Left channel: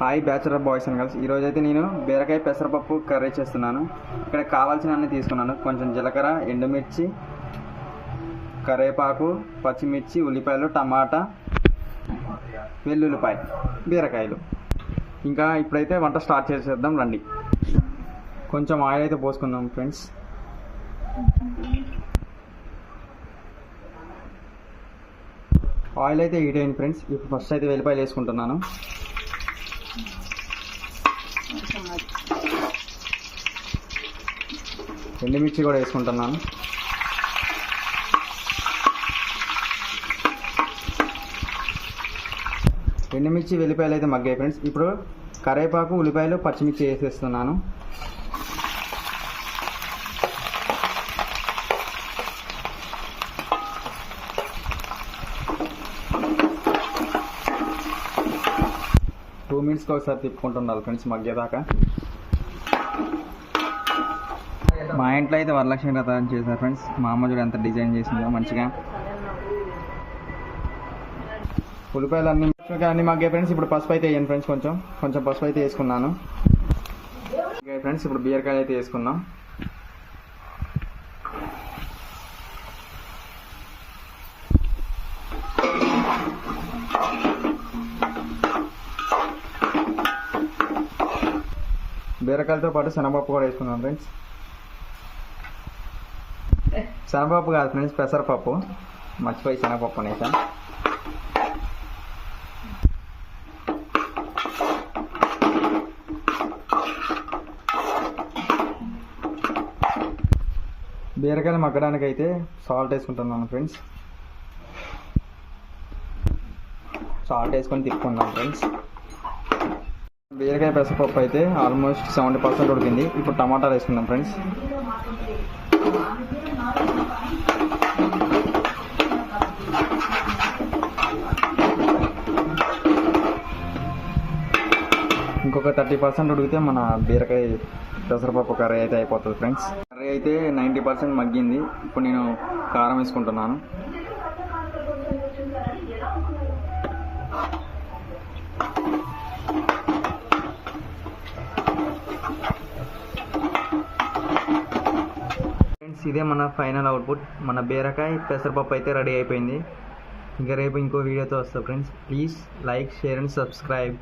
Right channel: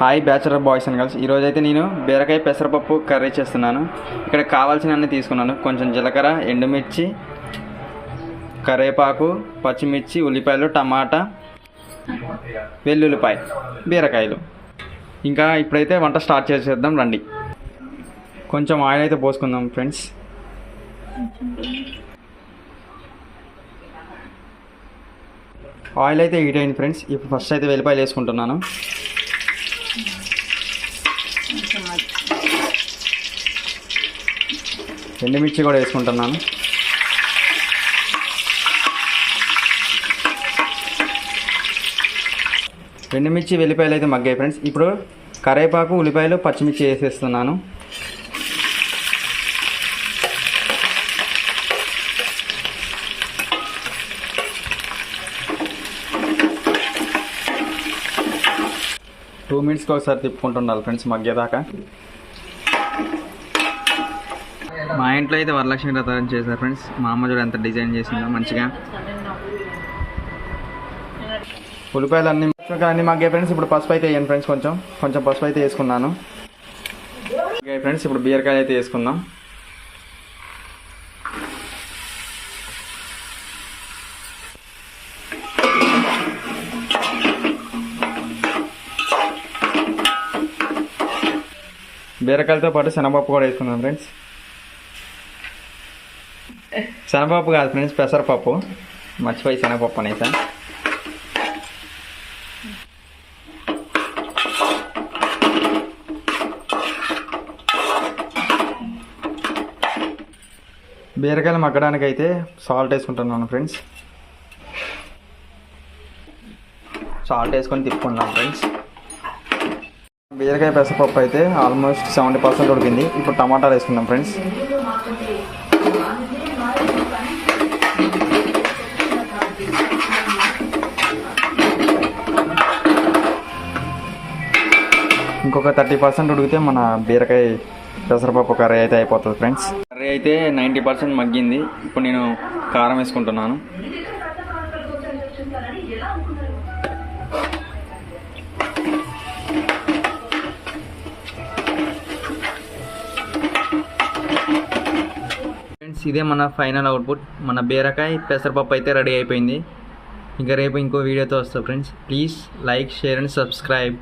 Hi bachelor boys and girls, ఈరోజైతే నేను బీరకాయ పెసరపప్పు కర్రీ చేస్తున్నాను. ఇక్కడ కావాల్సినవన్నీ తీసుకున్నాను. కొంచెం జీలకర్ర, ఎండుమిర్చి, కరివేపాకు, పచ్చిమిర్చి, ఉల్లిపాయలు, టమాటా, వెల్లుల్లిపాయ, బీరకాయలు. ఇంకా ఇప్పుడైతే వంట స్టార్ట్ చేసేద్దాం రండి. కొంచెం ఆయిల్ అయితే పోసుకుందాం ఫ్రెండ్స్. ఆయిల్ అయితే హీట్ అయింది ఫ్రెండ్స్. ఇప్పుడు ఫస్ట్ అయితే వెల్లిపాయలు వేసుకుంటున్నాను. ఎండుమిర్చి కూడా వేసుకుంటున్నాను. ఎండుమిర్చి వెల్లిపాయలు అయితే మగ్గాయి ఫ్రెండ్స్. ఇప్పుడు కరివేపాకు, ఉల్లిపాయలు, పచ్చిమిర్చి వేసేస్తున్నాను. టూ మినిట్స్కి ఒకసారి తిప్పుకుంటుండాలి ఫ్రెండ్స్ మగ్గేదాకా. మా ఇంట్లో అయితే వరలక్ష్మి వ్రతం చేశారు ఫ్రెండ్స్. మా అమ్మ చూడ ఎంత డిజైన్ చేసిందో మంచిగా. ఉల్లిపాయలు అన్ని మగ్గాయి ఫ్రెండ్స్. ఇప్పుడు పసుపు అయితే వేయండి ఫ్రెండ్స్. కొంచెం పసుపు అయితే వేసుకున్నాను. ఓకే ఫ్రెండ్స్, ఇప్పుడు బీరకాయలు అయితే వేసుకుందాం. బీరకాయలతో పాటు శనగపప్పు కూడా వేసుకుందాం ఫ్రెండ్స్. శనగపప్పు కాదు ఫ్రెండ్స్, పెసరపప్పు. మర్చిపోయి శనగపప్పు అనేసా. బీరకాయలు మగ్గడానికి అయితే సాల్ట్ వేసుకుంటున్నాను ఫ్రెండ్స్. సాల్ట్ వేసుకొని తిప్పుకుందాం ఫ్రెండ్స్. బీరకాయ పెసరపప్పు అయితే ఆల్మోస్ట్ 70% ఉడికింది. ఇప్పుడు టమాటాలు వేసుకుందాం ఫ్రెండ్స్. ఇంకొక 30% ఉడికితే మన బీరకాయ పెసరపప్పు కర్రీ అయితే అయిపోతుంది ఫ్రెండ్స్. కర్రీ అయితే 90% మగ్గింది. ఇప్పుడు నేను కారం వేసుకుంటున్నాను. ఫ్రెండ్స్, ఇదే మన ఫైనల్ అవుట్పుట్. మన బీరకాయ పెసరపప్పు అయితే రెడీ అయిపోయింది. ఇంకా రేపు ఇంకో వీడియోతో వస్తా friends. Please like, share and subscribe.